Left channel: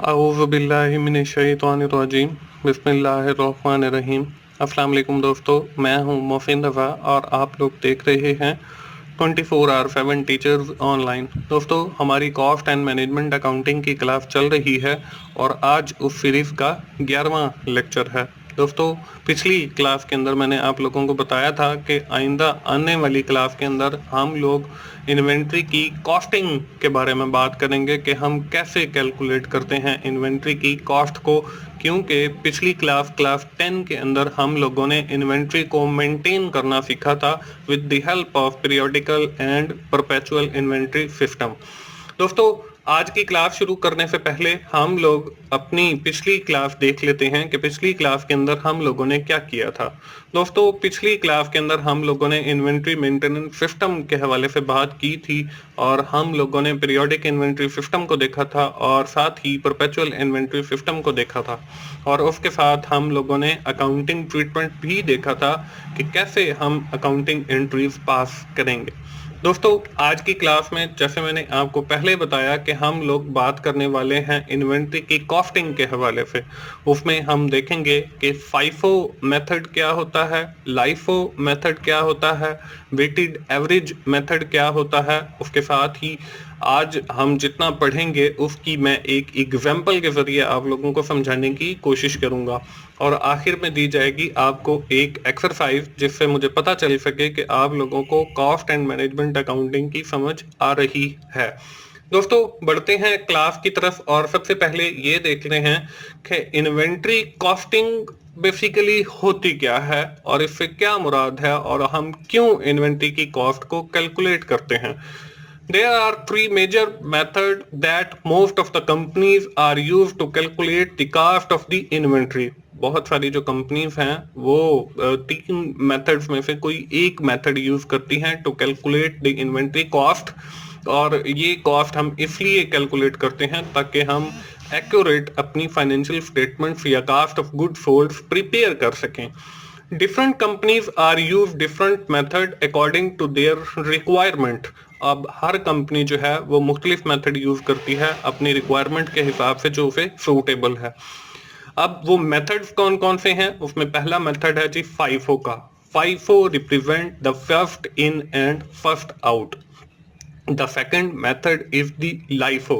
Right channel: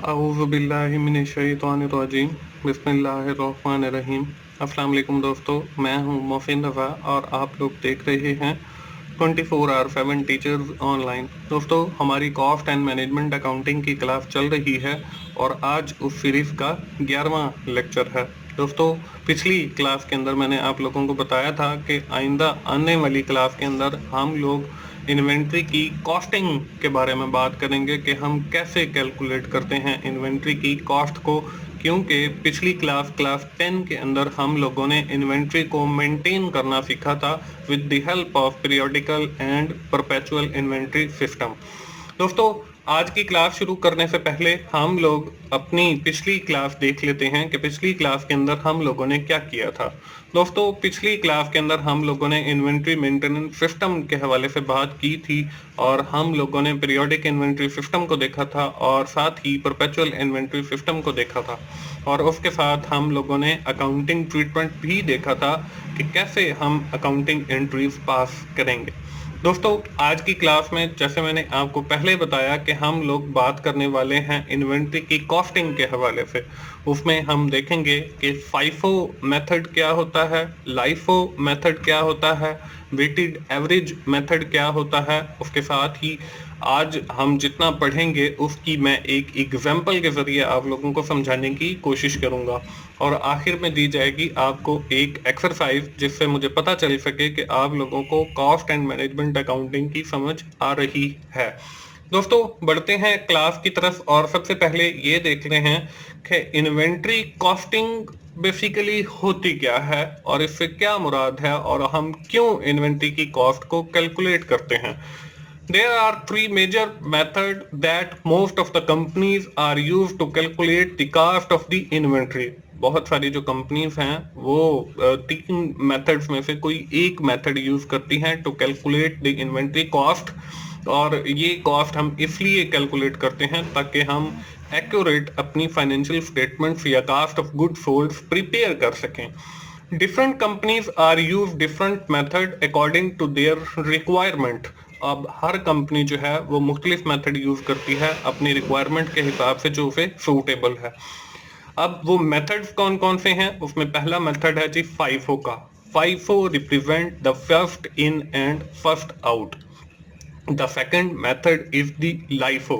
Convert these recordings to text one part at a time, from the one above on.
अऊज़ु बिल्लाहि मिनश्शैतानिर्रजीम बिस्मिल्लाहिर्रहमानिर्रहीम। अस्सलाम वालेकुम दोस्तों, मैं हूं मोहसिन रज़ा और आप लोग देख रहे हैं 24/7 टीचर्स ऑनलाइन। दोस्तों, हमारी कॉस्ट एंड मैनेजमेंट अकाउंटिंग की क्लास चल रही है और आज उस सीरीज़ का 11वां लेक्चर है। दोस्तों, पिछली क्लास के अंदर मैंने आप लोगों को बताया था कि आइंदा आने वाली क्लास के अंदर हम लोग इन्वेंट्री की कॉस्टिंग के बारे में बात करेंगे कि हम कैसे कैलकुलेट करते हैं इन्वेंट्री की कॉस्ट को, क्योंकि पिछली क्लास 10 के अंदर हम लोगों ने इन्वेंट्री को मेंटेन करना सीखा था with the help of periodical and perpetual inventory system. दोस्तों, आज की क्लास शुरू करने से पहले हम लोग अपनी पिछली क्लास देख लेते हैं कि पिछली क्लास के अंदर हम लोगों ने क्या किया था। दोस्तों, पिछली क्लास के अंदर हम लोगों ने इन्वेंट्री मेंटेनेंस सिस्टम के हवाले से बात की थी और हम लोगों ने पीरियोडिक इन्वेंट्री सिस्टम को देखा था और साथ ही परपेचुअल इन्वेंट्री सिस्टम को देखा था और उसके साथ हम लोगों ने अकाउंटिंग ट्रीटमेंट भी देखा था कि कैसे हम अकाउंटिंग एंट्रीज पास करेंगे। दोस्तों, आज की क्लास में जैसे मैंने आपको पहले बताया कि हम लोग बात करने वाले हैं इन्वेंट्री की कॉस्टिंग के हवाले से। उसमें हम देखेंगे कि फाइफो मेथड क्या होता है, लाइफो मेथड क्या होता है, वेटेड एवरेज मेथड क्या होता है। उसके साथ ही आज हम जितना पढ़ेंगे उसकी मैं एक एग्जाम्पल के जरिए आप लोगों को समझाने की कोशिश करूंगा और आखिर में दी जाएगी आपको एक एक्सरसाइज जिससे मुझे पता चल सके कि आप लोगों को कॉस्ट एंड मैनेजमेंट अकाउंटिंग की समझ आ रही है। दोस्तों, बढ़ते हैं क्लास की तरफ और सबसे पहले ये देख रहे हैं कि इन्वेंट्री कॉस्टिंग बेसिकली होती क्या है और इससे क्या मुराद है और हम क्यों इन्वेंट्री की कॉस्ट को कैलकुलेट करते हैं। There are three major methods that most of the companies are used to calculate the cost of the inventory. बहुत सारी जो कंपनीज हैं वो तीन मेथड्स में से कोई एक मेथड यूज करती हैं to calculate the inventory cost और ये कॉस्ट हम इसलिए कैलकुलेट करते हैं ताकि हम एक्यूरेट अपनी फाइनेंशियल स्टेटमेंट्स या cost of good sold prepare कर सकें। Different companies are use different method according to their requirement. अब हर कंपनी जो है वो मुख्तलिफ मेथड यूज करती है अपनी रिक्वायरमेंट के हिसाब से जो उसे सूटेबल है। अब वो मेथड्स कौन कौन से हैं, उसमें पहला मेथड है जी फाइफो का। FIFO represent the first in and first out. The second method is the LIFO.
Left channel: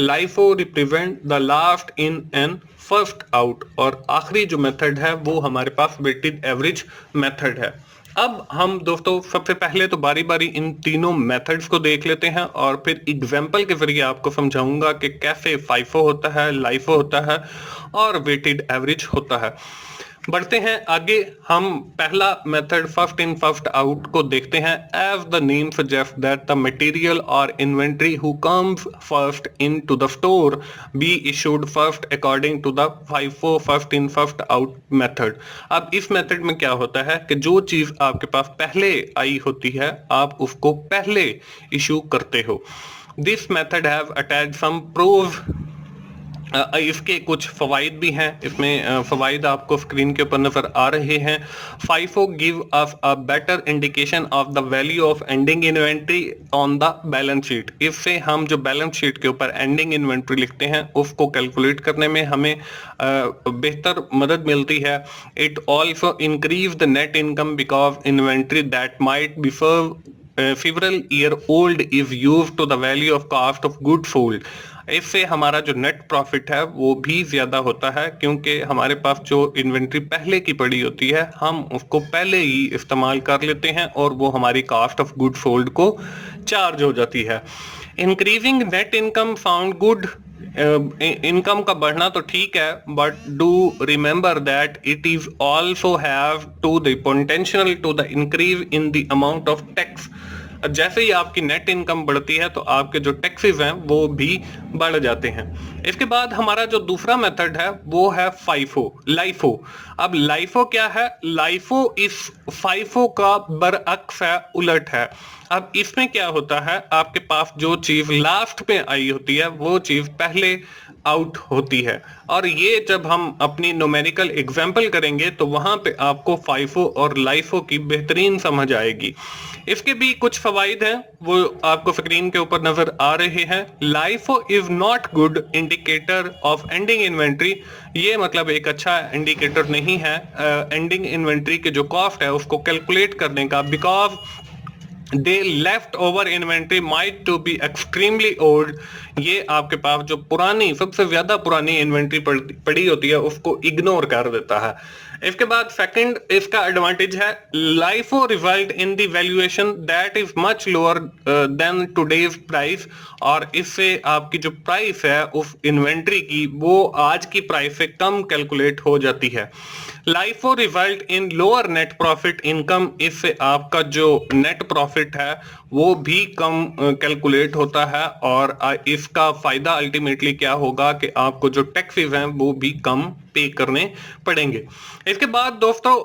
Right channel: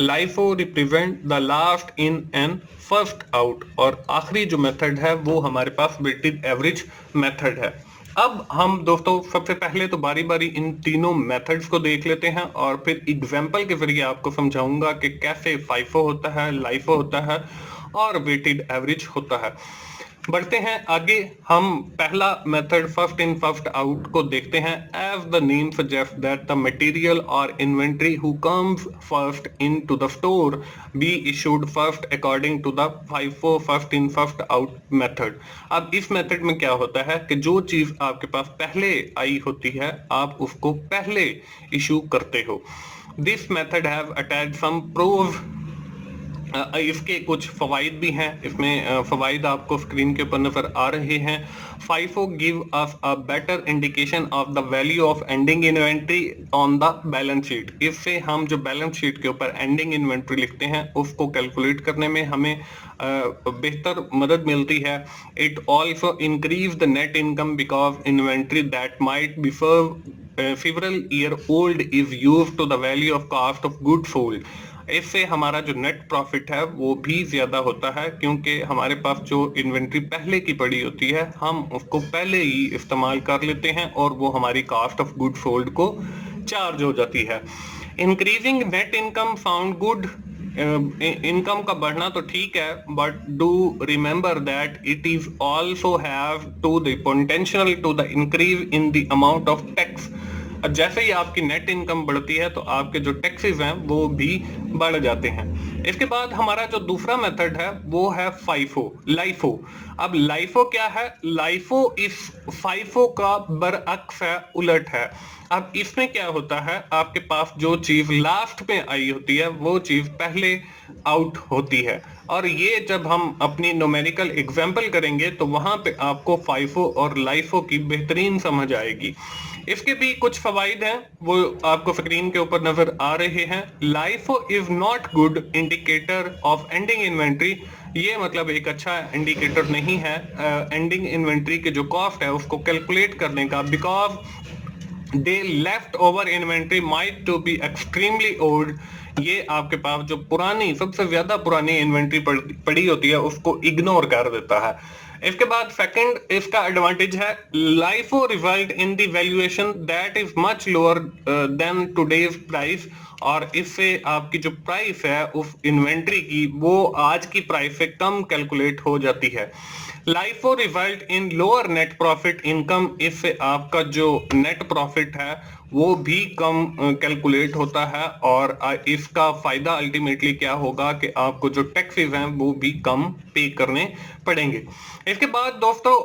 LIFO represent the last in and first out और आखिरी जो मेथड है वो हमारे पास वेटेड एवरेज मेथड है। अब हम दोस्तों सबसे पहले तो बारी बारी इन तीनों मेथड्स को देख लेते हैं और फिर एग्जाम्पल के जरिए आपको समझाऊंगा कि कैसे फाइफो होता है, लाइफो होता है और वेटेड एवरेज होता है। बढ़ते हैं आगे, हम पहला method first in first out को देखते हैं। As the name suggest that the material और inventory who comes first into the store be issued first according to the FIFO first in first out method. अब इस method में क्या होता है कि जो चीज आपके पास पहले आई होती है आप उसको पहले इशू करते हो। This method have attached some pros. इसके कुछ फवाइद भी हैं, इसमें फवाइद आपको स्क्रीन के ऊपर नजर आ रहे हैं। FIFO give us a better indication of the value of ending inventory on the balance sheet. इससे हम जो बैलेंस शीट के ऊपर एंडिंग इन्वेंट्री लिखते हैं उसको कैलकुलेट करने में हमें बेहतर मदद मिलती है। It also increase the net income because inventory that might be several year old is used to the value of cost of goods sold। इससे हमारा जो नेट प्रॉफिट है वो भी ज्यादा होता है क्योंकि हमारे पास जो इन्वेंट्री पहले की पड़ी होती है हम उसको पहले ही इस्तेमाल कर लेते हैं और वो हमारी कॉस्ट ऑफ गुड सोल्ड को चार्ज हो जाती है। Increasing net income sound good. Income का बढ़ना तो ठीक है, but do remember that it is also have to the potential to the increase in the amount of tax. जैसे ही आपकी नेट इनकम बढ़ती है तो आपके जो टैक्सेस हैं वो भी बढ़ जाते हैं। इसके बाद हमारा जो दूसरा मेथड है वो है फाइफो लाइफो। अब लाइफो क्या है? लाइफो इस फाइफो का बरअक्स है, उलट है। अब इसमें क्या होता है, आपके पास जो चीज लास्ट में आई होती है वो चीज पहले आउट होती है और ये जब हम अपनी न्यूमेरिकल एग्जांपल करेंगे तो वहां पे आपको फाइफो और लाइफो की बेहतरीन समझ आएगी। इसके भी कुछ फवाइद हैं, वो आपको स्क्रीन के ऊपर नजर आ रहे हैं। LIFO is not good indicator of ending inventory, ये मतलब एक अच्छा इंडिकेटर नहीं है एंडिंग इन्वेंट्री के जो कॉस्ट है उसको कैलकुलेट करने का, because they left over inventory might to be extremely old, ये आपके पास जो पुरानी सबसे ज्यादा पुरानी इन्वेंट्री पड़ी होती है उसको इग्नोर कर देता है। इसके बाद सेकंड इसका एडवांटेज है, LIFO result in the valuation that is much lower than today's price, और इससे आपकी जो प्राइस है उस इन्वेंट्री की वो आज की प्राइस से कम कैलकुलेट हो जाती है। LIFO result in lower net profit income, इससे आपका जो नेट प्रॉफिट है वो भी कम कैलकुलेट होता है, और इसका फायदा अल्टीमेटली क्या होगा कि आपको जो टैक्सेस हैं वो भी कम पे करने पड़ेंगे। इसके बाद दोस्तों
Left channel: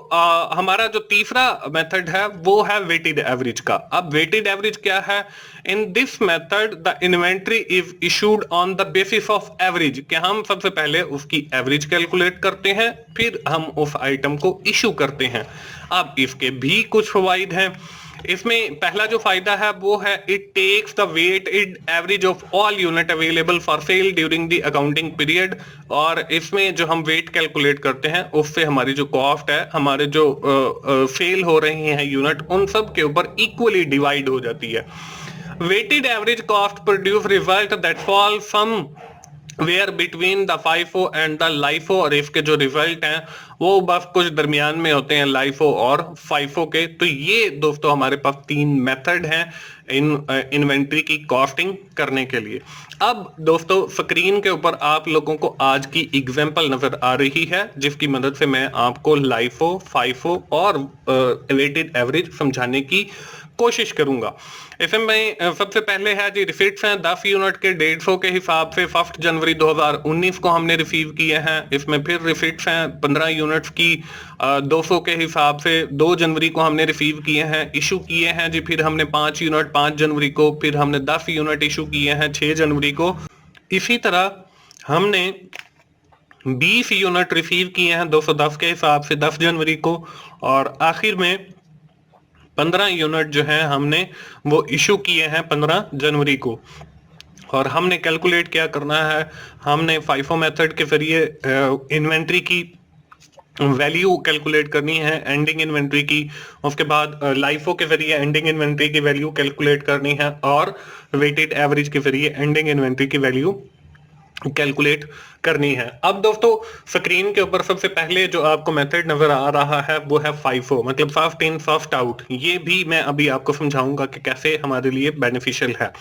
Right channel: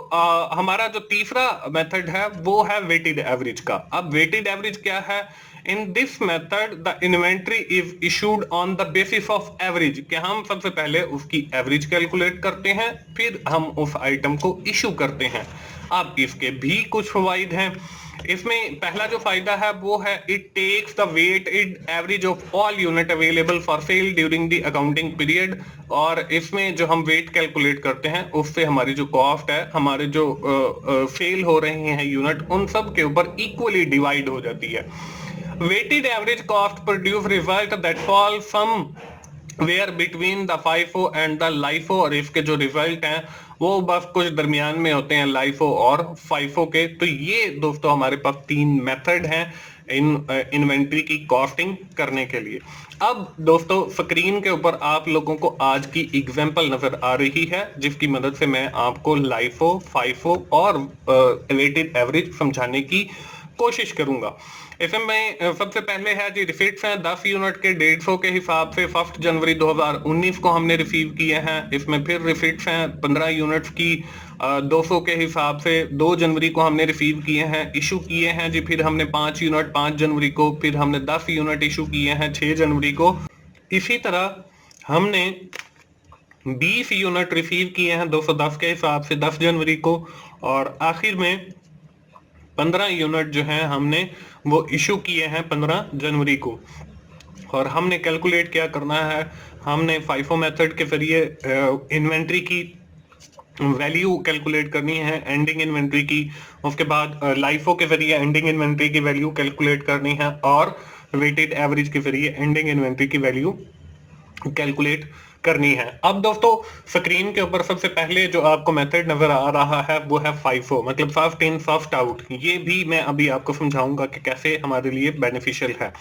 हमारा जो तीसरा मेथड है वो है वेटेड एवरेज का। अब वेटेड एवरेज क्या है? In this method the inventory is issued on the basis of average, कि हम सबसे पहले उसकी एवरेज कैलकुलेट करते हैं फिर हम उस आइटम को इशू करते हैं। अब इसके भी कुछ फायदे हैं। इसमें पहला जो फायदा है वो है, it takes the weighted average of all unit available for sale during the accounting period, और इसमें जो हम वेट कैलकुलेट करते हैं उससे हमारी जो कॉस्ट है, हमारे जो सेल हो रही हैं यूनिट, उन सब के ऊपर इक्वली डिवाइड हो जाती है। Weighted average cost produce result that fall somewhere between the FIFO and the LIFO, और इसके जो रिजल्ट हैं वो बस कुछ दरमियान में होते हैं लाइफो और फाइफो के। तो ये दोस्तों हमारे पास तीन मेथड हैं इन्वेंट्री की कॉस्टिंग करने के लिए। अब दोस्तों स्क्रीन के ऊपर आप लोगों को आज की एग्जांपल नजर आ रही है जिसकी मदद से मैं आपको लाइफो, फाइफो और वेटेड एवरेज समझाने की कोशिश करूंगा। इसमें सबसे पहले है जी रिसीट्स हैं 10 यूनिट के 150 के हिसाब से 1 जनवरी 2019 को हमने रिसीव किए हैं। इसमें फिर रिसीट्स हैं 15 यूनिट्स की 200 के हिसाब से 2 जनवरी को हमने रिसीव किए हैं, इशू किए हैं जी। फिर हमने 5 यूनिट 5 जनवरी को, फिर हमने 10 यूनिट इशू किए हैं 6 जनवरी को। इसी तरह हमने 20 यूनिट रिसीव किए हैं 210 के हिसाब से 10 जनवरी को, और आखिर में 15 यूनिट जो है हमने वो इशू किए हैं 15 जनवरी को। और हमने कैलकुलेट क्या करना है, हमने फाइफो मेथड के जरिए इन्वेंट्री की वैल्यू कैलकुलेट करनी है एंडिंग इन्वेंट्री की, उसके बाद लाइफो के जरिए एंडिंग इन्वेंट्री की वैल्यू कैलकुलेट करनी है, और वेटेड एवरेज के जरिए एंडिंग इन्वेंट्री की वैल्यू कैलकुलेट करनी है। अब दोस्तों स्क्रीन के ऊपर सबसे पहले जो आपको मेथड नजर आ रहा है वो है फाइफो, मतलब फर्स्ट इन फर्स्ट आउट। ये भी मैं अभी आपको समझाऊंगा कि कैसे हमारे लिए बेनिफिशियल है।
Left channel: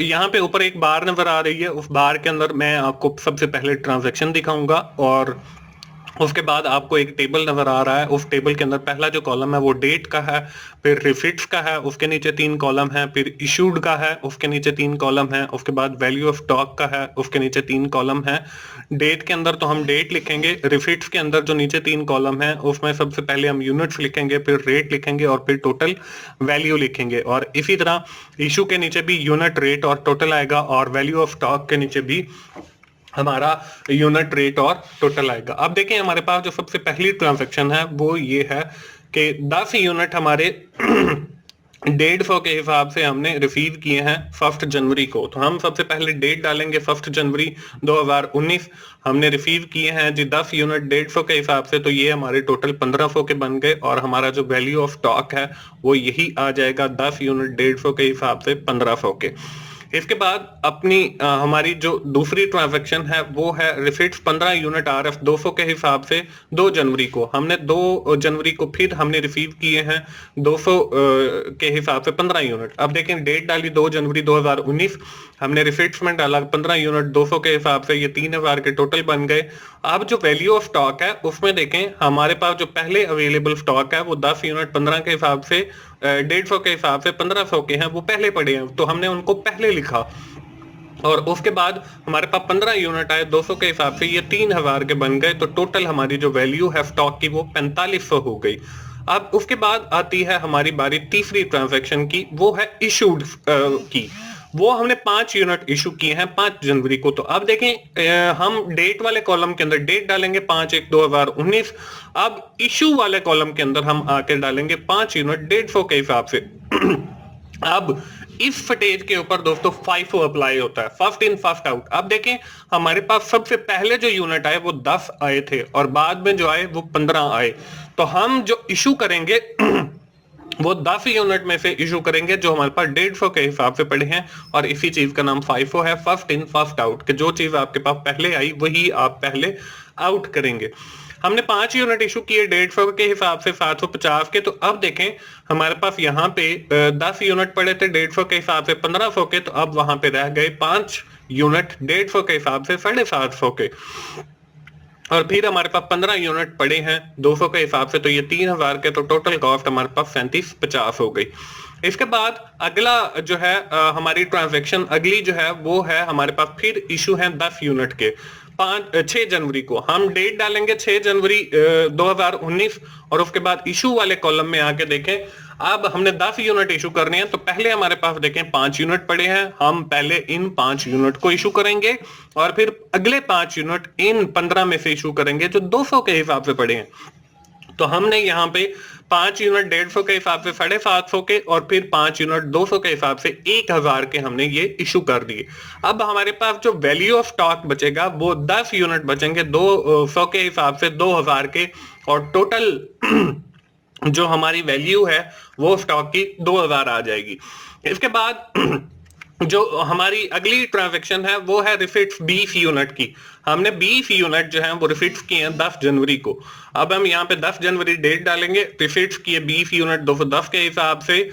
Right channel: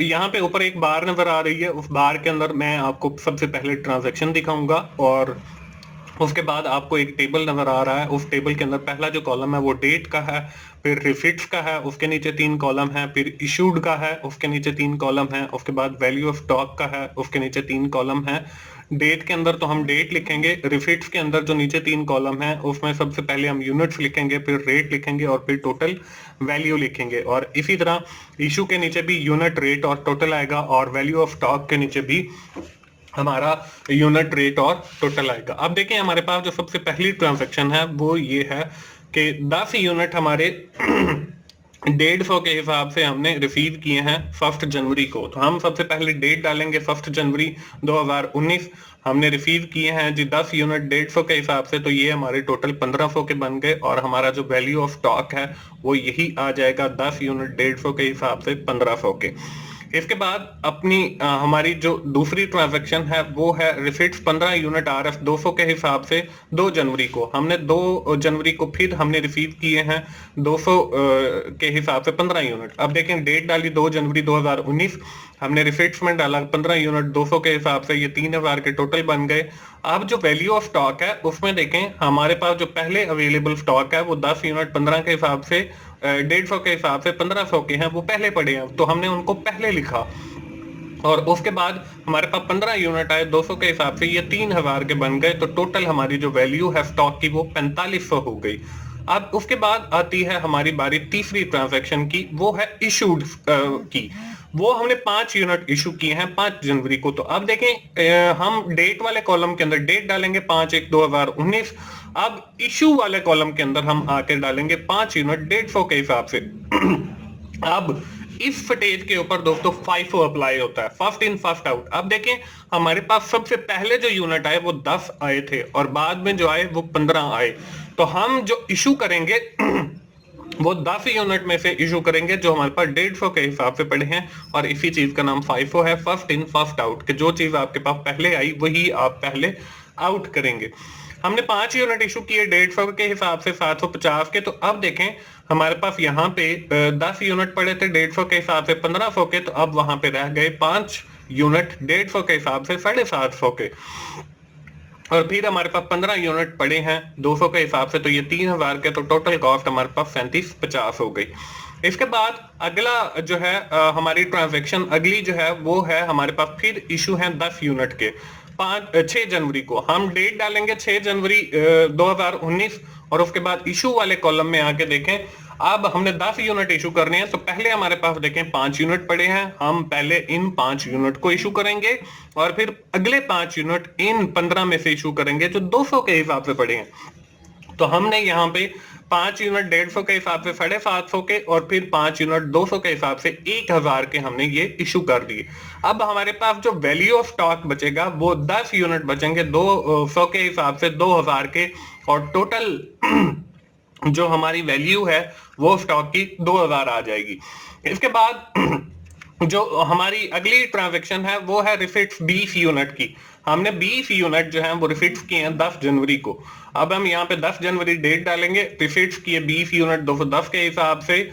यहाँ पे ऊपर एक बार नजर आ रही है, उस बार के अंदर मैं आपको सबसे पहले ट्रांजैक्शन दिखाऊंगा, और उसके बाद आपको एक टेबल नजर आ रहा है। उस टेबल के अंदर पहला जो कॉलम है वो डेट का है, फिर रिसीट्स का है, उसके नीचे 3 कॉलम है, फिर इशूड का है, उसके नीचे 3 कॉलम है, उसके बाद वैल्यू ऑफ स्टॉक का है, उसके नीचे 3 कॉलम है। डेट के अंदर तो हम डेट लिखेंगे, रिसीट्स के अंदर जो नीचे 3 कॉलम है उसमें सबसे पहले हम यूनिट्स लिखेंगे, फिर रेट लिखेंगे और फिर टोटल वैल्यू लिखेंगे, और इसी तरह इशू के नीचे भी यूनिट, रेट और टोटल आएगा, और वैल्यू ऑफ स्टॉक के नीचे भी हमारा यूनिट, रेट और टोटल आएगा। अब देखें हमारे पास जो सबसे पहली ट्रांजैक्शन है वो ये है कि 10 यूनिट हमारे 150 के हिसाब से हमने रिसीव किए हैं 1 जनवरी को। तो हम सबसे पहले डेट डालेंगे 1 जनवरी 2019, हमने रिसीव किए हैं जी 10 यूनिट 150 के हिसाब से, तो ये हमारे टोटल 1500 के बन गए, और हमारा जो वैल्यू ऑफ स्टॉक है वो यही आ जाएगा 10 यूनिट 150 के हिसाब से 1500 के। इसके बाद अपनी हमारी जो दूसरी ट्रांजैक्शन है वो है रिसीट्स 15 यूनिट RF 200 के हिसाब से 2 जनवरी को। हमने 2 जनवरी को फिर हमने रिसीव किए हैं 200 के हिसाब से 15 यूनिट। अब देखें डेट डाली 2 जनवरी 2019, हमने रिसीट्स में डाला 15 यूनिट 200 के हिसाब से, ये 3000 के टोटल बन गए। अब जो वैल्यू ऑफ स्टॉक है उसमें देखें हमारे पास जो पहले अवेलेबल स्टॉक है वो 10 यूनिट 15 के हिसाब से 150 के हिसाब से 1500 के हैं, वो पहले पड़े हैं तो हमने उनको पहले लिखा, और उसके बाद हमारे पास 15 यूनिट आए 200 के हिसाब से, ये 3000 के बन गए, तो टोटल हमारी जो वैल्यू है स्टॉक की वो 4500 हो गई। अब उसके बाद आती है हमारी बारी तीसरी ट्रांजैक्शन की, वो है इशूड की। वो हमने 5 यूनिट इशू किए हैं 5 जनवरी को। तो अब देखें हम डेट वाले कॉलम के अंदर डेट डालेंगे 5/1/2019। अब इशू वाले कॉलम के अंदर हम आकर डालेंगे 5 यूनिट 150 के हिसाब से। अब इस फटेज के ऊपर दोस्तों FIFO अप्लाई होता है, फर्स्ट इन फर्स्ट आउट। अब देखें हमारे पास सबसे पहले जो यूनिट आए वो 10 आए थे और बाद में जो आए वो 15 आए। तो हम जो इशू करेंगे वो 10 यूनिट में से इशू करेंगे जो हमारे पास 150 के हिसाब से पड़े हैं, और इसी चीज का नाम FIFO है, फर्स्ट इन फर्स्ट आउट, कि जो चीज आपके पास पहले आई वही आप पहले आउट करेंगे। हमने 5 यूनिट इशू किए 150 के हिसाब से 750 के। तो अब देखें हमारे पास यहाँ पे 10 यूनिट पड़े थे 150 के हिसाब से 1500 के, तो अब वहां पे रह गए 5 यूनिट 150 के हिसाब से 750 के। और फिर हमारे पास 15 यूनिट पड़े हैं 200 के हिसाब से, तो ये 3000 के। तो टोटल कॉस्ट हमारे पास 3750 हो गई। इसके बाद अगला जो है हमारी ट्रांजैक्शन अगली जो है वो है हमारे पास फिर इशू है 10 यूनिट के 6 जनवरी को। हम डेट डालेंगे 6 जनवरी 2019 और उसके बाद इशू वाले कॉलम में आके देखें अब हमने 10 यूनिट इशू करने हैं। तो पहले हमारे पास देखें 5 यूनिट पड़े हैं, हम पहले इन 5 यूनिट को इशू करेंगे और फिर अगले 5 यूनिट इन 15 में से इशू करेंगे जो 200 के हिसाब से पड़े हैं। तो हमने यहाँ पे 5 यूनिट 150 के हिसाब से 750 के और फिर 5 यूनिट 200 के हिसाब से 1000 के हमने ये इशू कर दिए। अब हमारे पास जो वैल्यू ऑफ स्टॉक बचेगा वो 10 यूनिट बचेंगे 200 के हिसाब से 2000 के, और टोटल जो हमारी वैल्यू है वो स्टॉक की 2000 आ जाएगी। इसके बाद जो हमारी अगली ट्रांजैक्शन है वो है रिसिट्स 20 यूनिट की। हमने 20 यूनिट जो है वो रिसिट्स किए हैं 10 जनवरी को। अब हम यहाँ पे 10 जनवरी डेट डालेंगे, रिसिट्स किए 20 यूनिट 210 के हिसाब से,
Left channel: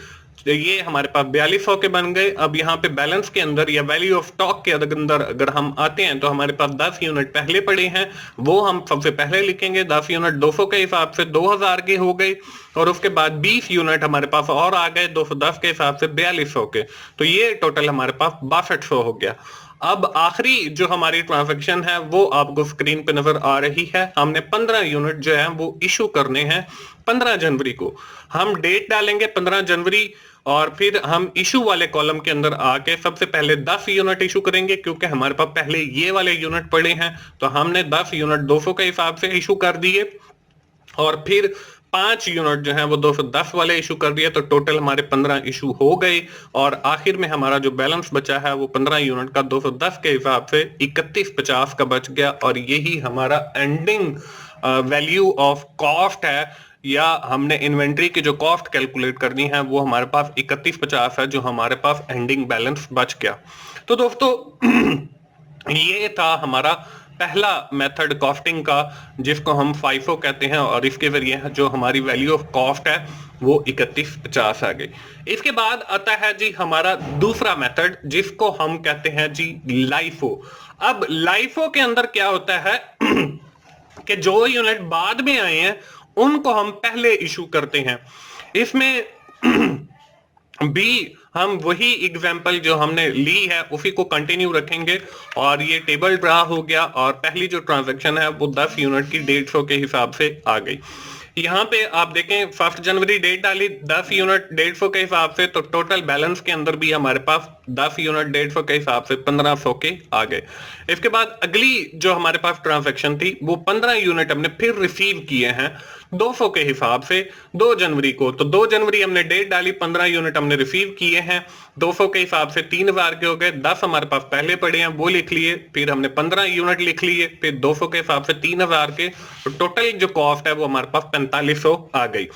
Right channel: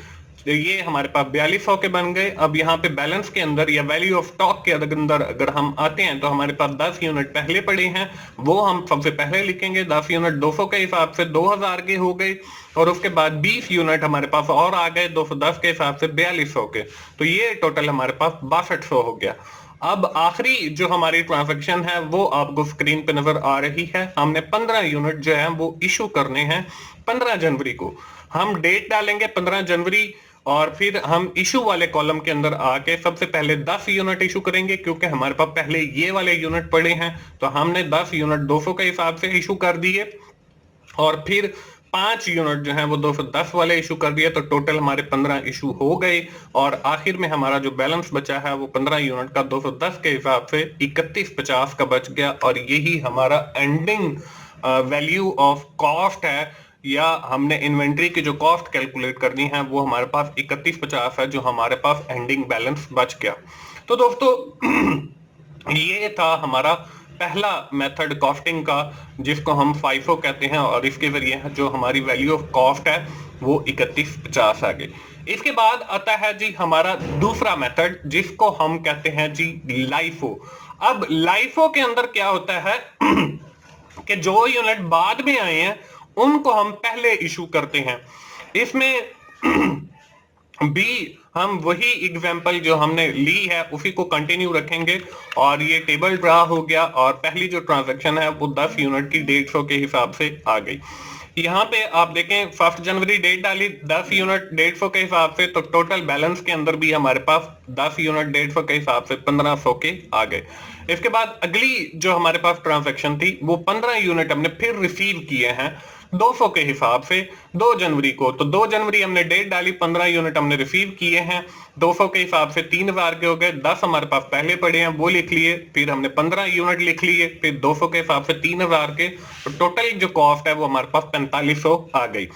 ये हमारे पास 4200 के बन गए। अब यहाँ पे बैलेंस के अंदर या वैल्यू ऑफ स्टॉक के अंदर अगर हम आते हैं तो हमारे पास 10 यूनिट पहले पड़े हैं, वो हम सबसे पहले लिखेंगे। 10 यूनिट 200 के हिसाब से 2000 के हो गए, और उसके बाद 20 यूनिट हमारे पास और आ गए 210 के हिसाब से 4200 के। तो ये टोटल हमारे पास 6200 हो गया। अब आखिरी जो हमारी ट्रांजैक्शन है वो आपको स्क्रीन पे नजर आ रही है। हमने 15 यूनिट जो है वो इशू करने हैं 15 जनवरी को। हम डेट डालेंगे 15 जनवरी और फिर हम इशू वाले कॉलम के अंदर आके सबसे पहले 10 यूनिट इशू करेंगे, क्योंकि हमारे पास पहले ये वाले यूनिट पड़े हैं। तो हमने 10 यूनिट 200 के हिसाब से इशू कर दिए और फिर 5 यूनिट जो है वो 210 वाले इशू कर दिए। तो टोटल हमारे 15 इशू हो गए और आखिर में हमारा जो बैलेंस बचा है वो 15 यूनिट का 210 के हिसाब से 3150 का बच गया, और यही हमारा एंडिंग वैल्यू ऑफ कॉस्ट है, या हमने इन्वेंट्री की जो कॉस्ट कैलकुलेट करनी है वो हमारे पास 3150 है, जो हमारे पास एंडिंग बैलेंस बच गया। तो दोस्तों ये था हमारा पहला मेथड कॉस्टिंग का, जिसको हम FIFO कहते हैं, और इसके जरिए जो हमारी वैल्यू ऑफ कॉस्ट है वो 3150 आ गई। इसके बाद आता है जी हमारा दूसरा मेथड, जिसको हम कहते हैं जी LIFO। अब LIFO के अंदर क्या होता है कि जो यूनिट बाद में आए हैं उनको हम पहले इशू करते हैं। इसमें भी हम वही एग्जाम्पल जो हमने ली है उसी को कंटिन्यू रखेंगे, और ये टेबल ड्रा हो गया और पहली जो ट्रांजैक्शन है वो 10 यूनिट की 150 के हिसाब से आ गई। यहाँ पे आप देखें 1 जनवरी डेट डाली 10 यूनिट 150 के हिसाब से, तो टोटल बैलेंस के अंदर भी हमारे पास 10 यूनिट 150 के हिसाब से 1500 के आ गए। इसके बाद अगली जो हमारे पास ट्रांजैक्शन थी वो 15 यूनिट हमने फिर रिसीव किए हैं 200 के हिसाब से 2 जनवरी को। तो 2 जनवरी हमने डेट डाली, 15 यूनिट हमने रिसीव किए हैं 200 के हिसाब से 3000 के हो गए। 10 हमारे पास पहले पड़े हैं वो लिख लिए, फिर हमने 15 यूनिट लिख लिए, फिर 200 के हिसाब से 3000 के। तो टोटल जो कॉस्ट है वो हमारे पास 4500 आ गई।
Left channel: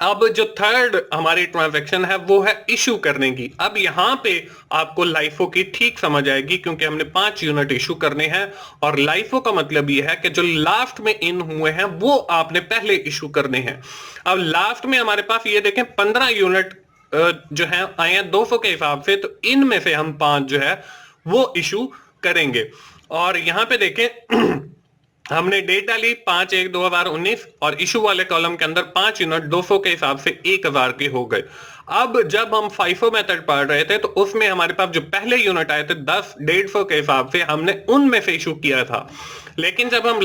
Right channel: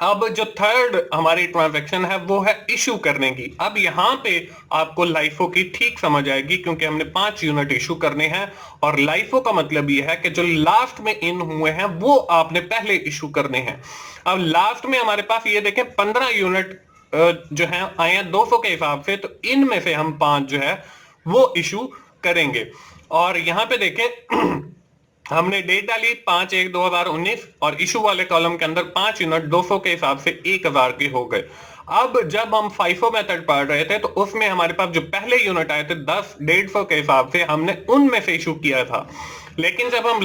अब जो थर्ड हमारी ट्रांजैक्शन है वो है इशू करने की। अब यहाँ पे आपको LIFO की ठीक समझ आएगी, क्योंकि हमने 5 यूनिट इशू करने हैं, और LIFO का मतलब ये है कि जो लास्ट में इन हुए हैं वो आपने पहले इशू करने हैं। अब लास्ट में हमारे पास ये देखें 15 यूनिट जो है आए हैं 200 के हिसाब से, तो इनमें से हम 5 जो है वो इशू करेंगे। और यहाँ पे देखें हमने डेट डाली 5/1/2019 और इशू वाले कॉलम के अंदर 5 यूनिट 200 के हिसाब से 1000 के हो गए। अब जब हम FIFO मेथड पढ़ रहे थे तो उसमें हमारे पास जो पहले यूनिट आए थे 10 150 के हिसाब से, हमने उनमें से इशू किया था। लेकिन जब हम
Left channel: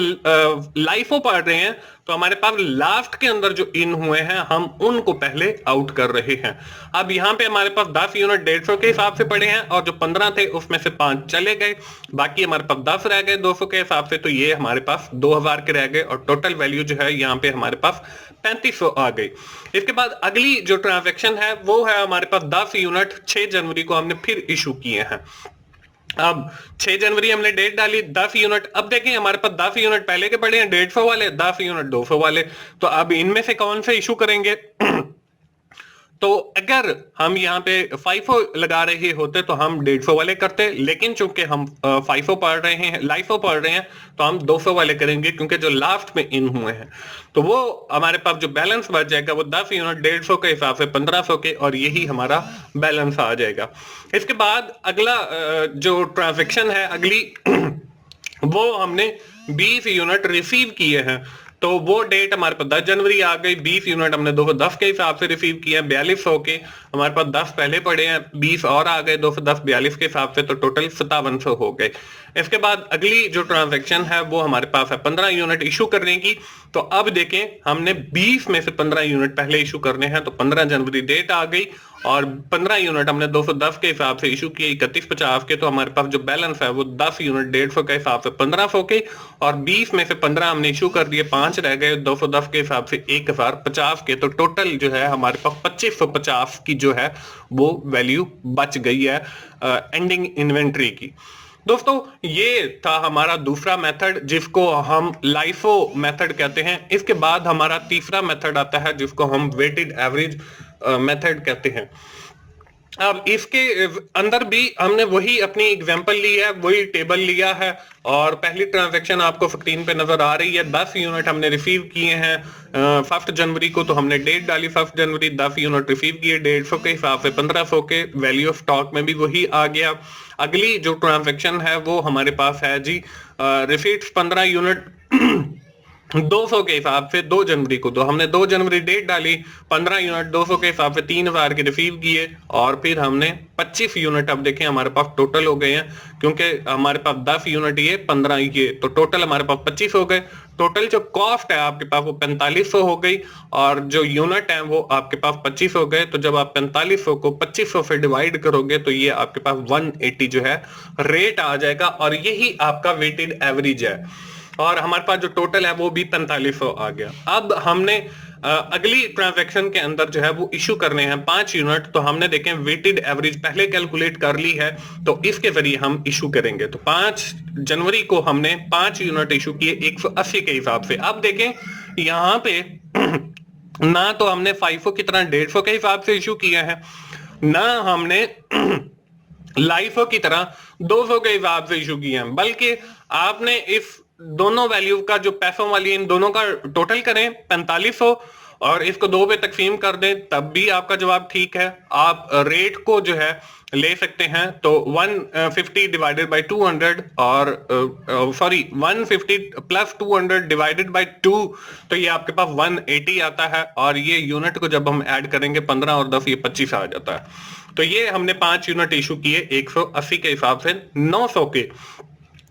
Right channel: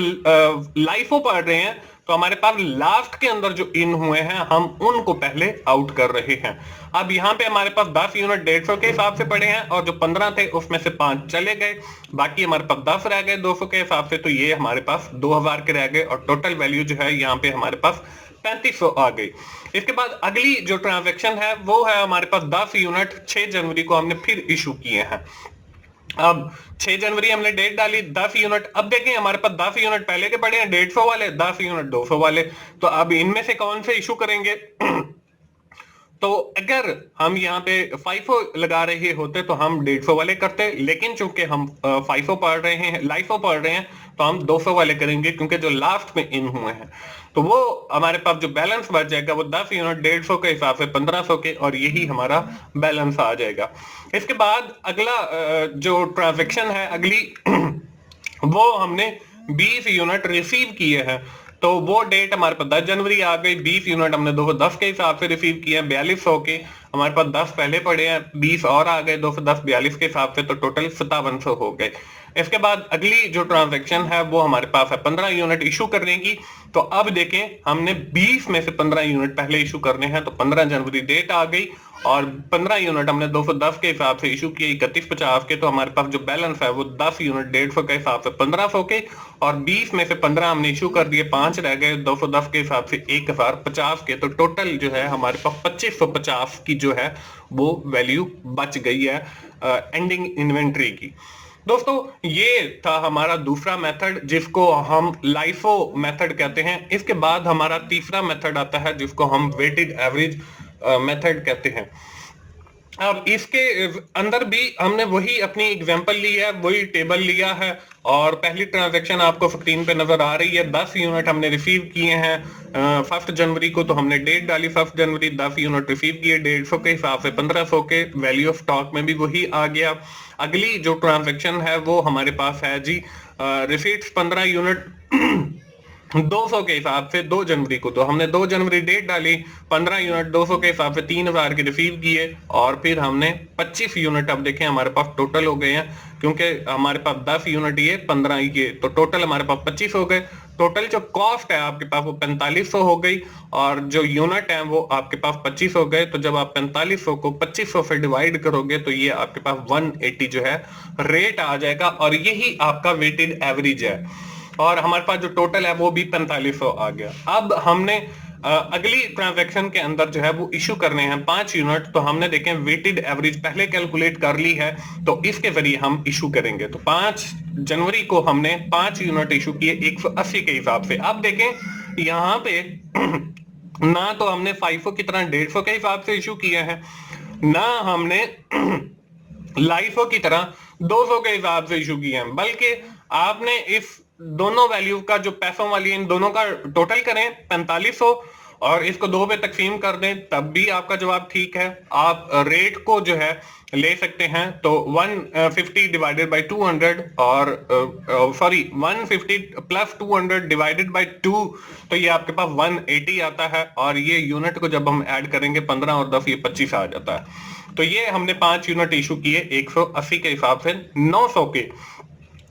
LIFO पढ़ रहे हैं तो हमारे पास लास्ट के अंदर जो इन हुए हैं हम उनको पहले आउट कर रहे हैं। अब यहाँ पे हमारे पास 10 यूनिट 150 के हिसाब से पड़े हैं और जो 15 थे उसमें से 5 चले गए, बाकी हमारे पास 10 रह गए 200 के हिसाब से, तो ये हमारे पास 2000 के रह गए और टोटल वैल्यू जो है यहाँ पे हमारे पास 3500 आ गई। इसके बाद अगली जो ट्रांजैक्शन है वो है हमारे पास 10 यूनिट 6 जनवरी को हमने फिर इशू किए हैं। अब 6 जनवरी हमने डेट डाली 10 यूनिट। अब देखें हमारे पास 10 यूनिट पहले के पड़े हैं 150 वाले, 10 यूनिट 200 वाले, तो अब इनमें से कौन से इशू करेंगे? तो अगर हम यहाँ पे FIFO लगा रहे होते तो हम 150 वाले करते, लेकिन चूंकि हम FIFO पढ़ रहे हैं, LIFO पढ़ रहे हैं, तो हम 200 वाले करेंगे क्योंकि जो लास्ट में इन हुए हैं। तो वो हमारे पास जो बैलेंस बच जाएगा वो 10 यूनिट 150 के हिसाब से 1500 के, और यही हमारा बैलेंस आ जाएगा। इसके बाद अगला जो ट्रांजेक्शन है अगली वो हमने 20 यूनिट रिसीव किए हैं, तो वो डेट हमारे पास 10 जनवरी आ गई। 20 यूनिट हमने 210 के हिसाब से रिसीव किए हैं, 4200 के, हमारे पास 10 पहले पड़े हैं, 20 और आ गए 210 42 के हिसाब से, तो टोटल 5700 हो गए। इसके बाद अगली जो ट्रांजैक्शन है वो हमारे पास है 15 यूनिट इशू करने की। तो अब देखें हमने 20 में से 15 यूनिट पहले इशू करने हैं, तो 15 जनवरी डेट आ गई और 15 यूनिट हमने 210 के हिसाब से इशू किए 3150 के, तो हमारे पास जो बैलेंस है वो 10 यूनिट 150 के हिसाब से 1500 के, और 20 में से 15 हमने इशू कर दिए, 5 रह गए 210 के हिसाब से 1050 के, तो टोटल जो है हमारे पास 2550 की जो है वो वैल्यू बच गई है एंडिंग इन्वेंट्री की। दोस्तों ये था हमारा दूसरा मेथड जिसको हम लाइफो मेथड कहते हैं। इसके बाद हमारा तीसरा मेथड आता है जिसको हम वेटेड एवरेज मेथड कहते हैं। अब इसके अंदर भी हमने वही अपनी एग्जांपल ली है, वही टेबल लिया है, और पहली ट्रांजैक्शन आपको स्क्रीन पे नजर आ रही है। 10 यूनिट हमने रिसीव किए हैं 1 जनवरी को, तो हमने डेट डाली 1 जनवरी, 10 यूनिट रिसीव किए 150 के हिसाब से 1500 के, वैल्यू ऑफ स्टॉक में भी वही आ गया। अगली जो ट्रांजैक्शन है वो हमारे पास है जी रिसीट्स 15 यूनिट 200 के हिसाब से 2 जनवरी को, तो हमने 2 जनवरी डेट डाली, 15 यूनिट 200 के हिसाब से 3000 के रिसीव किए, और फिर हमने 25 यूनिट, अब देखें हमारे पास टोटल हो गए हैं क्योंकि हमारे पास 10 यूनिट ये 15 ये, तो टोटल हमारे पास 25 हो गए। टोटल जो कॉस्ट है आपके पास वो 4500 हो गई, और जो यूनिट है वो आपके पास 25 हो गए। तो जब आप 4500 को 2500 से डिवाइड करोगे तो ये आपके पास 180 जो है रेट आ जाएगा, और यही आपका वेटेड एवरेज है, और हमारे पास जो टोटल है वो भी 4500 आ गया। अब हमने अगली ट्रांजैक्शन के अंदर जो है वो इशू करने हैं 5 यूनिट, तो हमने देखें वेटेड एवरेज पहले कैलकुलेट कर ली है, तो इसके जरिए हम इशू करेंगे। तो 5 जनवरी को हमने 5 यूनिट इशू किए 180 के हिसाब से। अब देखें यहाँ पे ना तो हमने FIFO की तरह 150 के हिसाब से इशू किया है, ना हमने लाइफो की तरह 200 के हिसाब से इशू किए हैं, बल्कि आपने इस दोनों वैल्यू का जो पैसों वाली इन दोनों का टोटल करें 4500 और इसको 2 पे तकसीम कर दें, तब भी आपका जवाब ठीक है। आप रेट को जो है ले सकते हैं, तो 150 डिवाइडेड बाय 200 और 150 प्लस 200 डिवाइडेड बाय 2, तो ये आपके पास 180 आता है, और ये यूनिट को जब हम ऐड करेंगे 15 और 10 ये 25 आ जाता है। तो ये हमने 5 यूनिट इशू किए 180 के हिसाब से 900 के,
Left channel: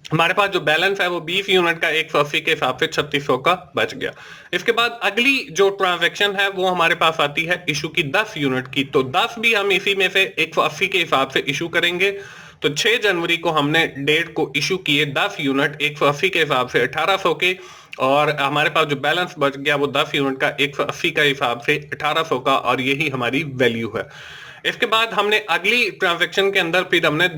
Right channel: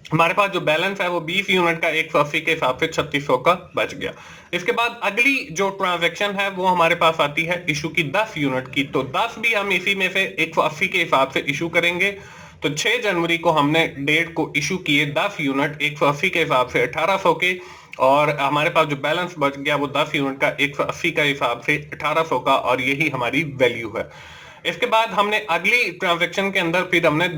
हमारे पास जो बैलेंस है वो 20 यूनिट का 180 के हिसाब से 3600 का बच गया। इसके बाद अगली जो ट्रांजैक्शन है वो हमारे पास आती है इशू की 10 यूनिट की, तो 10 भी हम इसी में से 180 के हिसाब से इशू करेंगे। तो 6 जनवरी को हमने डेट को इशू किए 10 यूनिट 180 के हिसाब से 1800 के, और हमारे पास जो बैलेंस बच गया वो 10 यूनिट का 180 का हिसाब से 1800 का, और यही हमारी वैल्यू है। इसके बाद हमने अगली ट्रांजैक्शन के अंदर फिर हमने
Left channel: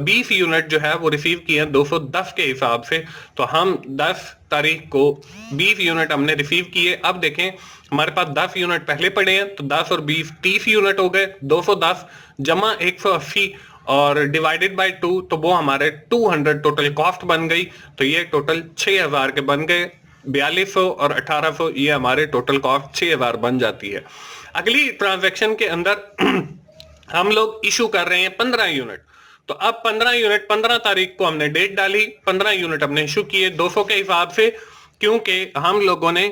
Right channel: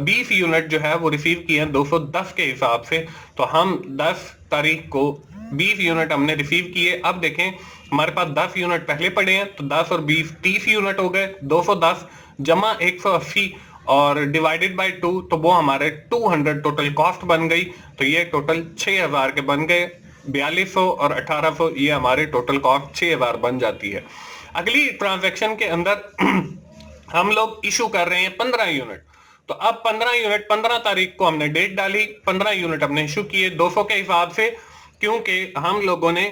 20 यूनिट जो है वो रिसीव किए हैं 210 के हिसाब से, तो हम 10 तारीख को 20 यूनिट हमने रिसीव किए। अब देखें हमारे पास 10 यूनिट पहले पड़े हैं, तो 10 और 20 30 यूनिट हो गए, 210 जमा 180 और डिवाइडेड बाय 2, तो वो हमारे 200 टोटल कॉस्ट बन गई, तो ये टोटल 6000 के बन गए। 4200 और 1800 ये हमारे टोटल कॉस्ट 6000 बन जाती है। अगली ट्रांजैक्शन के अंदर हम लोग इशू कर रहे हैं 15 यूनिट, तो अब 15 यूनिट 15 तारीख को हमने डेट डाली, 15 यूनिट हमने इशू किए 200 के हिसाब से, क्योंकि हम लोगों ने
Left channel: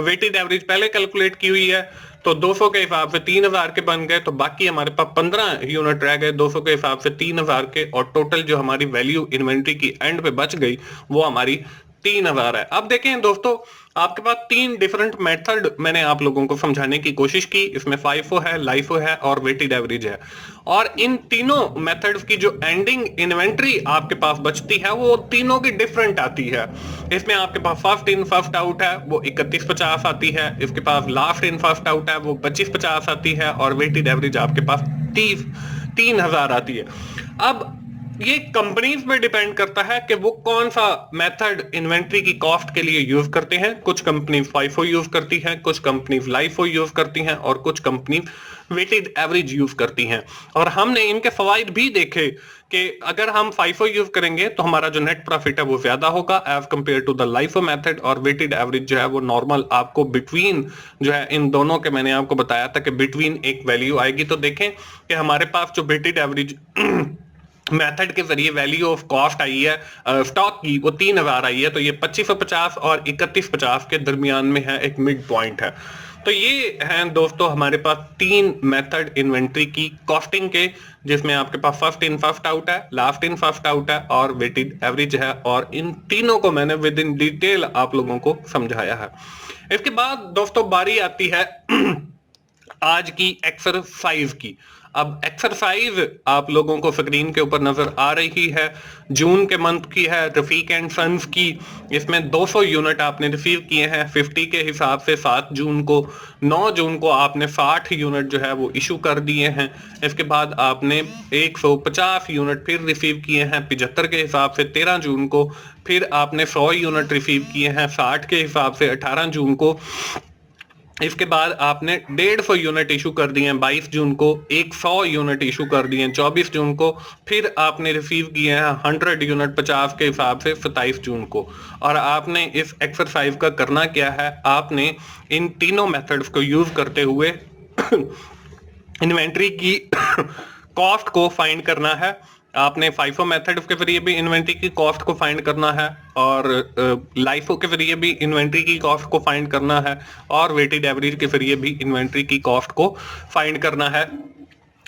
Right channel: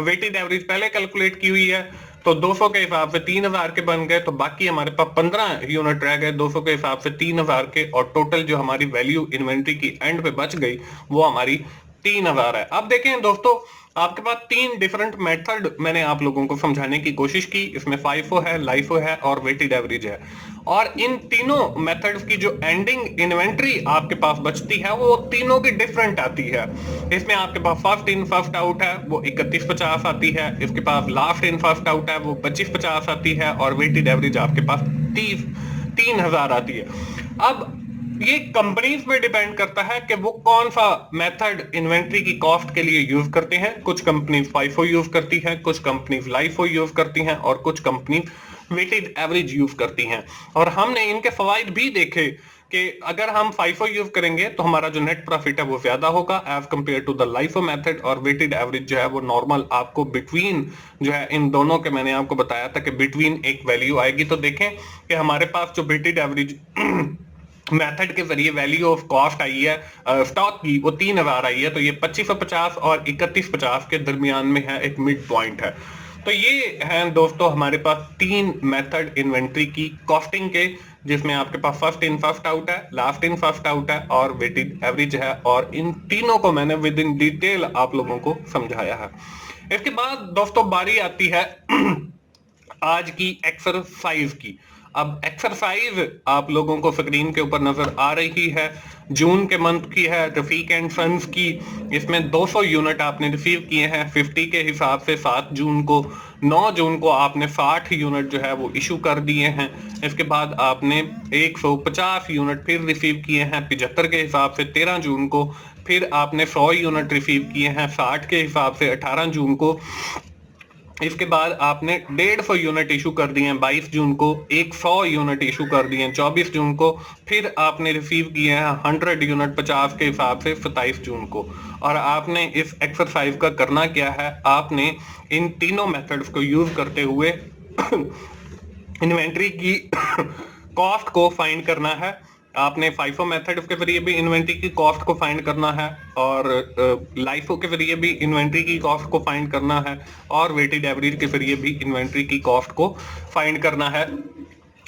वेटेड एवरेज पहले कैलकुलेट की हुई है, तो 200 के हिसाब से 3000 के बन गए, तो बाकी हमारे पास 15 यूनिट रह गए 200 के हिसाब से 3000 के, और टोटल जो हमारी वैल्यू इन्वेंट्री की एंड पे बच गई वो हमारी 3000 है। अब देखें दोस्तों आपके पास 3 डिफरेंट मेथड मैंने आप लोगों को समझाने की कोशिश की। इसमें फाइफो है, लाइफो है और वेटेड एवरेज है। और इन तीनों मेथड्स की जो एंडिंग इन्वेंट्री आपके पास बचती है वो तीनों की डिफरेंट आती है। इसमें आपके पास फर्स्ट इन फर्स्ट आउट है, वो 3150 आती है। इसके पास लास्ट इन फर्स्ट आउट है, वो 2550 आती है। और वेटेड एवरेज आपके पास 3000 आती है। अब ये कंपनीज पे डिपेंड करता है कि वो कौन सा मेथड इन्वेंट्री की कॉस्ट के लिए यूज करते हैं। कुछ कंपनी फाइफो यूज करती हैं, कुछ कंपनी लाइफो यूज करती हैं और कुछ कंपनी वेटेड एवरेज यूज करती हैं। और हमने इनके फवाइद भी देखे कि अगर हम फाइफो यूज करेंगे तो हमारा जो नेट प्रॉफिट है वो ज्यादा होगा as compare to the LIFO method. और वेटेड एवरेज जो है वो नॉर्मल आपको बिटवीन जो है इन दोनों के, मैंने आपको बताया था कि बिटवीन एक वैल्यू आएगी। तो देखें कि हमारे पास जो वेटेड एवरेज मेथड के जरिए वैल्यू ऑफ कॉस्ट आई है स्टॉक की, वो 3000 आई है। तो ये 2550 और 3150 के दरमियान में है, एक मिड पॉइंट है। तो ये हैं दोस्तों हमारे पास 3 मेथड इन्वेंट्री की कॉस्टिंग के, जिसमें आपके पास फर्स्ट इन फर्स्ट आउट है, लास्ट इन फर्स्ट आउट है और वेटेड एवरेज है। और इन तीनों को मैंने विद इन डिटेल आप लोगों को समझाया है। इसके बाद दोस्तों बारी आती है आज की एक्सरसाइज की। अब एक्सरसाइज आप लोगों को स्क्रीन के ऊपर नजर आ रही है, जून के मंथ की है, रफीक एंड सन्स की। इसमें 200 यूनिट आपने रिसीव किए हैं 50 के हिसाब से 7 जून को। 9 जून को आपने 60 यूनिट जो है वो इशू कर दिए हैं। इसके बाद आपने 150 यूनिट फिर रिसीव किए हैं 75 के हिसाब से 13 जून को। फिर आपने 100 यूनिट रिसीव किए हैं 60 के हिसाब से 18 जून को। इसके बाद आपने 150 यूनिट इशू कर दिए हैं 22 जून को। 100 यूनिट इशू कर दिए हैं 24 जून को। फिर आपने रिसीव किए हैं 100 यूनिट 50 के हिसाब से 27 जून को। और आपने इस एक्सरसाइज का करना क्या है, आपने इन तीनों मेथड्स को यूज करते हुए इन्वेंट्री की कॉस्ट को फाइंड करना है। आपने फाइफो मेथड के जरिए भी इन्वेंट्री की कॉस्ट को फाइंड करना है और लाइफो के जरिए भी इन्वेंट्री की कॉस्ट को फाइंड करना है और वेटेड एवरेज के जरिए भी इन्वेंट्री की कॉस्ट को फाइंड करना है।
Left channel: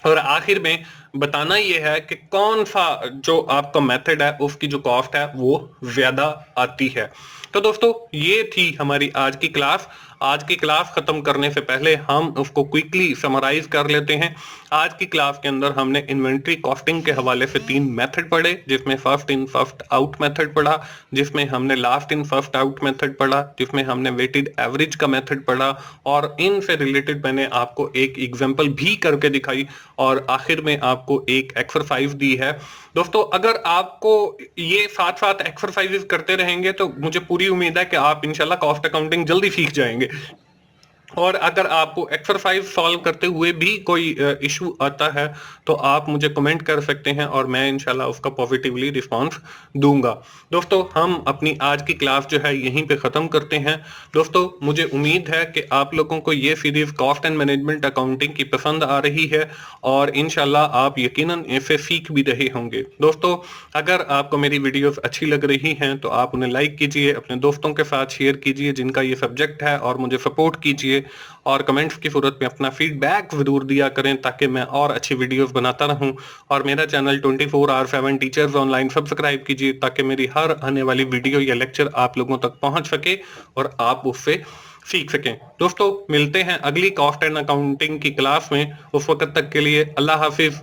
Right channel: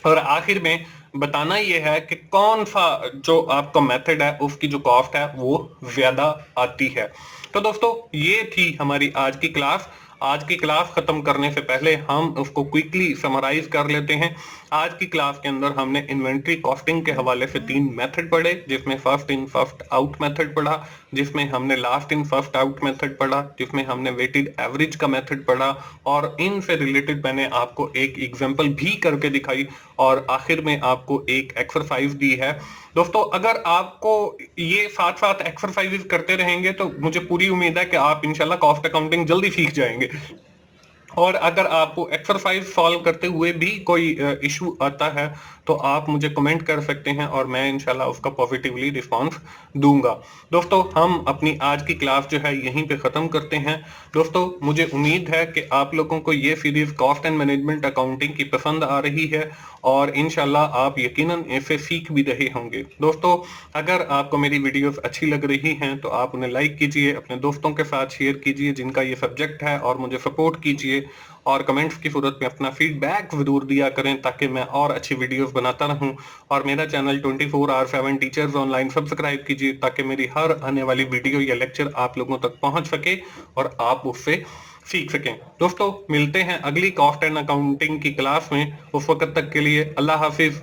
और आखिर में बताना यह है कि कौन सा जो आपका मेथड है उसकी जो कॉस्ट है वो ज्यादा आती है। तो दोस्तों ये थी हमारी आज की क्लास। आज की क्लास खत्म करने से पहले हम उसको क्विकली समराइज कर लेते हैं। आज की क्लास के अंदर हमने इन्वेंट्री कॉस्टिंग के हवाले से 3 मेथड पढ़े, जिसमें first in first out method पढ़ा, जिसमें हमने last in first out method पढ़ा, जिसमें हमने वेटेड एवरेज का मेथड पढ़ा और इनसे रिलेटेड मैंने आपको एक एग्जांपल भी करके दिखाई और आखिर में आपको एक एक्सरसाइज दी है। दोस्तों अगर आपको ये साथ साथ एक्सरसाइजेस करते रहेंगे तो मुझे पूरी उम्मीद है कि आप इंशाल्लाह कॉस्ट अकाउंटिंग जल्दी सीख जाएंगे। और अगर आपको एक्सरसाइज सॉल्व करते हुए भी कोई इशू आता है तो आप मुझे कमेंट कर सकते हैं और मैं इंशाल्लाह उसका पॉजिटिवली रिस्पांस दूंगा। दोस्तों हम अपनी आज की क्लास जो है यहीं पे ख़त्म करते हैं। दोस्तों मुझे उम्मीद है कि आप लोगों को ये series cost and management accounting की पसंद आ रही है और इंशाल्लाह आप यकीनन इसे सीख भी रहे होंगे। दोस्तों अगर आपको मेरी वीडियोस अच्छी लग रही हैं तो आप उन्हें लाइक कीजिए, अपने दोस्तों के साथ शेयर कीजिए जिनका ये सब्जेक्ट है और मुझे सपोर्ट कीजिए और कमेंट्स की सूरत में अपना फीडबैक जरूर दिया करें ताकि मैं और अच्छी वीडियोस बनाता रहूं। और मेरा चैनल 24/7 टीचर्स ऑनलाइन सब्सक्राइब कीजिए ताकि मेरी हर आने वाली वीडियो या लेक्चर आप लोगों तक पहुंच सके और आप उससे सीख सकें। दोस्तों मिलते हैं अगली कॉस्ट एंड अकाउंटिंग की क्लास में। उस वक्त तक के लिए अल्लाह हाफिज।